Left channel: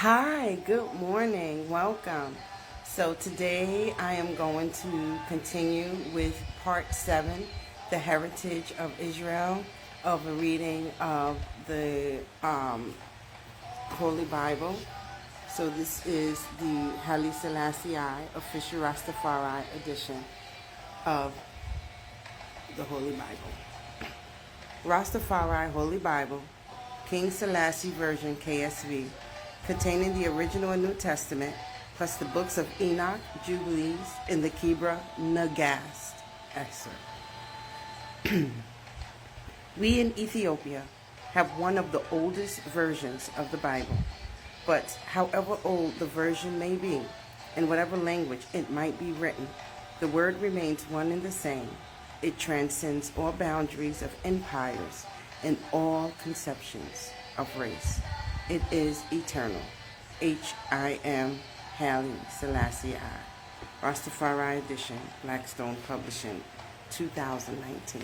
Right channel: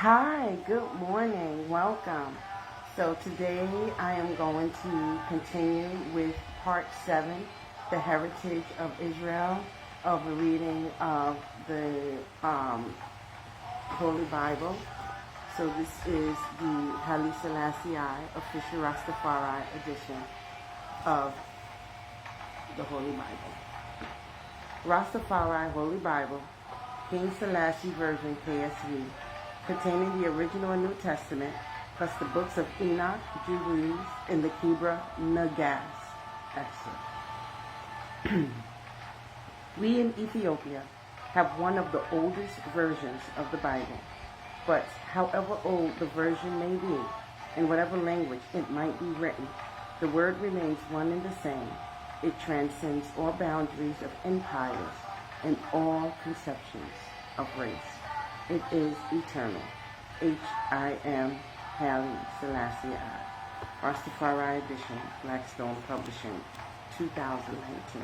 Hi, good morning, welcome. So today I am going to continue with part 7, the heritage of Israel, of a reading of the Holy Bible. So this is the Haile Selassie official Rastafari edition of the Holy Bible. Rastafari Holy Bible, King Selassie version KSV, containing the original and New Testament, plus the books of Enoch, Jubilees, and the Kebra Nagast excerpt. We in Ethiopia have one of the oldest versions of the Bible, but however old the version may be, in whatever language it might be written, the word remains one and the same. It transcends all boundaries of empires and all conceptions of race. It is eternal. H.I.M. Haile Selassie Rastafari edition, Blackstone Publishing, 2019.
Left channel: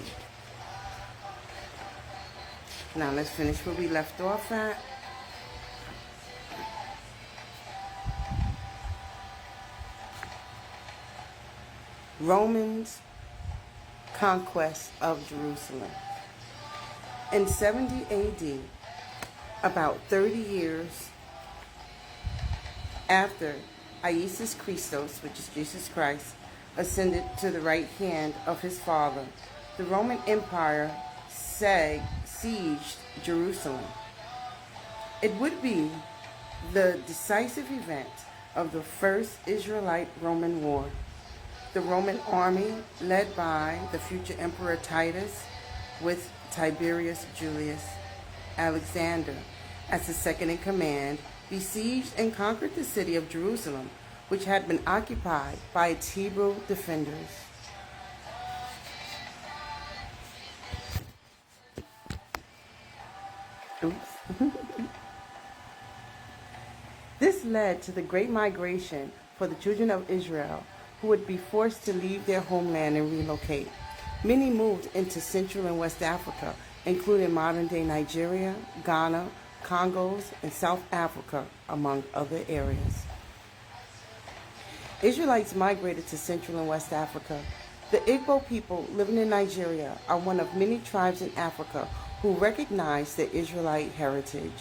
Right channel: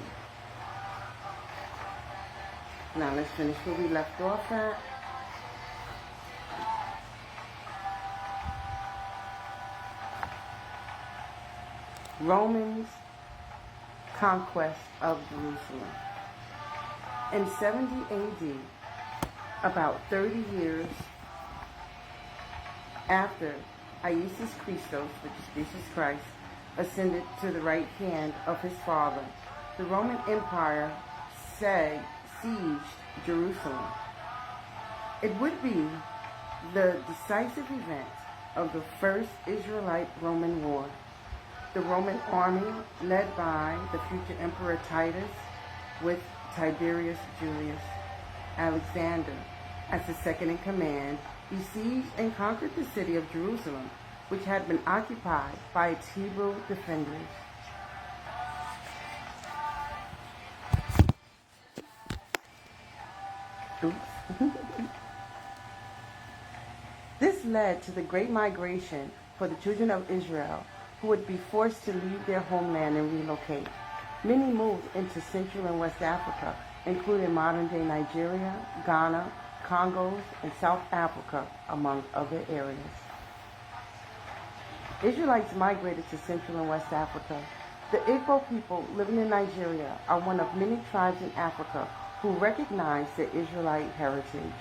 Now let's finish where we left off at. Romans' conquest of Jerusalem. In 70 AD, about 30 years after Iesus Christos, which is Jesus Christ, ascended to the right hand of his Father, the Roman Empire sieged Jerusalem. It would be the decisive event of the First Israelite-Roman War. The Roman army, led by the future Emperor Titus, with Tiberius Julius Alexander as the second in command, besieged and conquered the city of Jerusalem, which had been occupied by its Hebrew defenders. This led to the great migration for the children of Israel, who would be forced to leave their homeland and relocate. Many moved into Central and West Africa, including modern-day Nigeria, Ghana, Congos, and South Africa, among other areas. Israelites migrated to Central and West Africa. The Igbo people living in Nigeria are one of many tribes in Africa who recognize their Israelite heritage.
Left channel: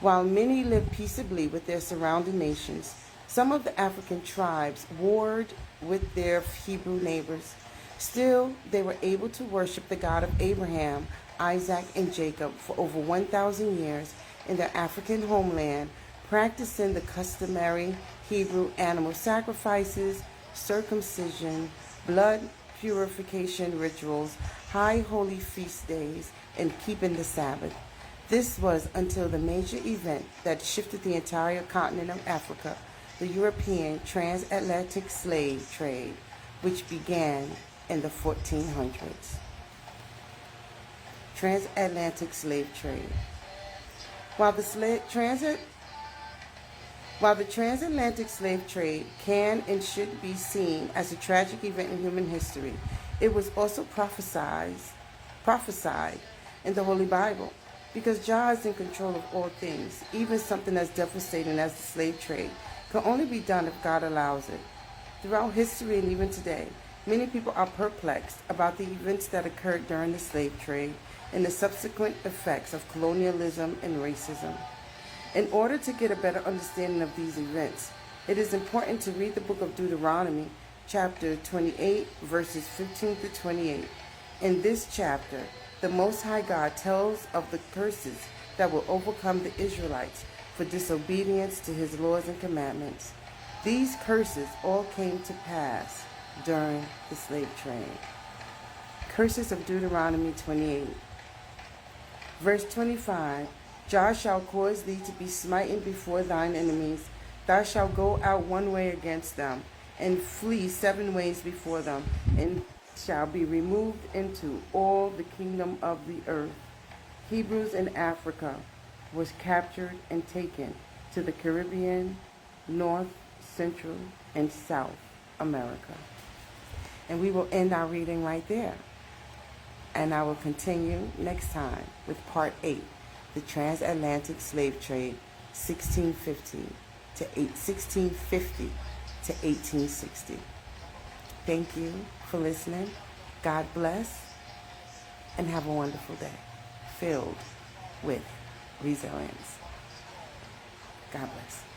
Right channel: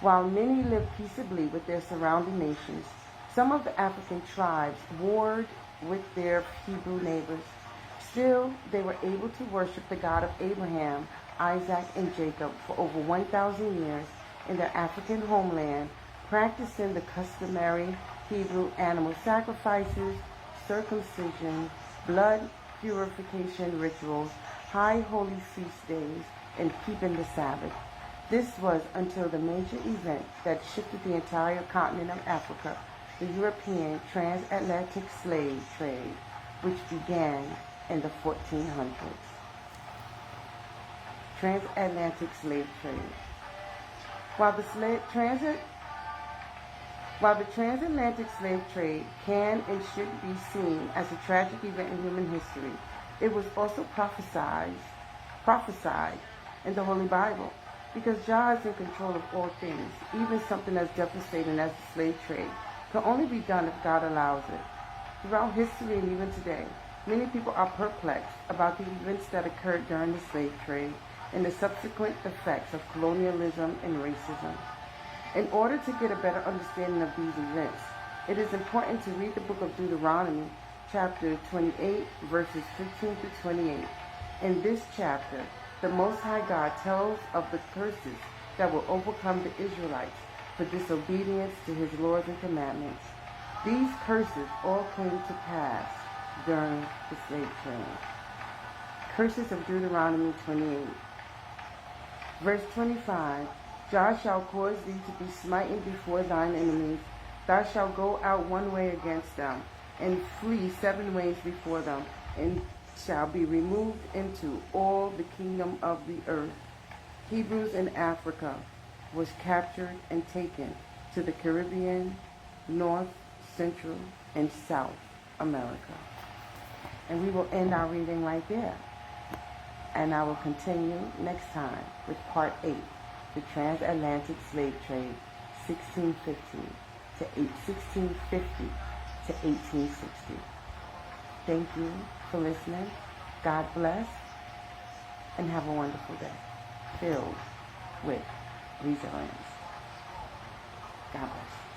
While many live peaceably with their surrounding nations, some of the African tribes warred with their Hebrew neighbors. Still, they were able to worship the God of Abraham, Isaac, and Jacob for over 1,000 years in their African homeland, practicing the customary Hebrew animal sacrifices, circumcision, blood purification rituals, high holy feast days, and keeping the Sabbath. This was until the major event that shifted the entire continent of Africa, the European transatlantic slave trade, which began in the 1400s. Transatlantic slave trade. While the transatlantic slave trade can and should be seen as a tragic event in human history, it was also prophesied in the Holy Bible, because Jah is in control of all things. Even something as devastating as the slave trade can only be done if God allows it. Throughout history and even today, many people are perplexed about the events that occurred during the slave trade and the subsequent effects of colonialism and racism. In order to get a better understanding of these events, it is important to read the book of Deuteronomy, chapter 28, verses 15 to 28. In this chapter, the Most High God tells of the curses that will overcome the Israelites for disobedience to his laws and commandments. These curses all came to pass during the slave trade. Curses of Deuteronomy 28. Verse 25, Jah shall cause thee to be smitten before thine enemies. Thou shalt go out one way against them, and flee 7 ways before them, and shall be removed into all the kingdom of the earth. Hebrews in Africa was captured and taken to the Caribbean, North, Central, and South America. And we will end our reading right there. And I will continue next time with part 8, the transatlantic slave trade, 1650 to 1860. Thank you for listening. God bless, and have a wonderful day filled with resilience. God bless.